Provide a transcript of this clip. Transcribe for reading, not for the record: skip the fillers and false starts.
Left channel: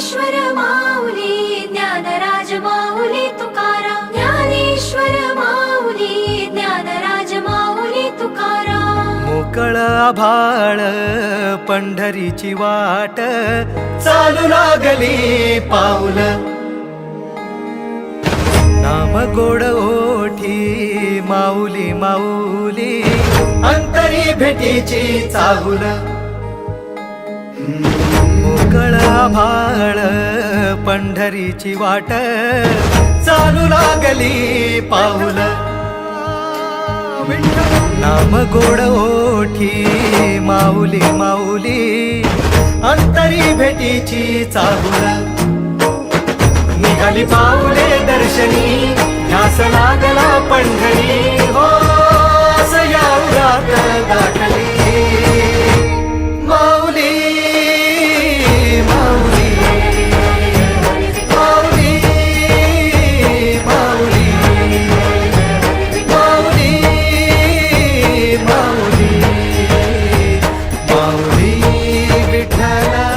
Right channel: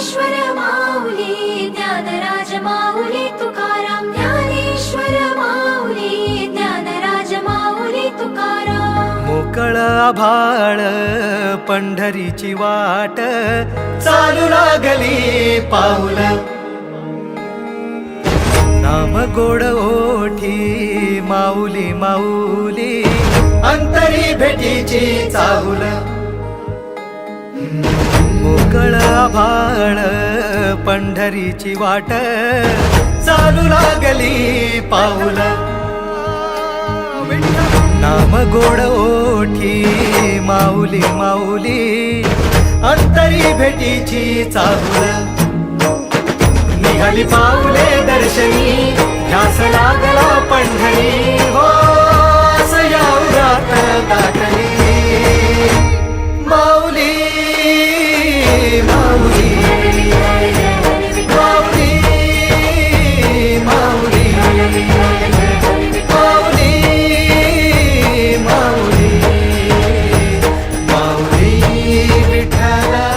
ज्ञानेश्वर माऊली ज्ञानराज माऊली तुकाराम ज्ञानेश्वर माऊली ज्ञानराज माऊली तुकाराम मोकळ आभाळ पंढरीची वाट चालू लागली पाऊल नाम गोड ओठी माऊली माऊली अंतरी भेटीची चाहुल मोकळ आभाळ पंढरीची वाट चालू लागली पाऊल नाम गोड ओठी माऊली माऊली अंतरी भेटीची चाहुल निघाली पाऊले दर्शनी ध्यास लागला पंढरी हो याउरात गाठली माऊली माऊली माऊली माऊली माऊली माऊली माऊली विठ्ठला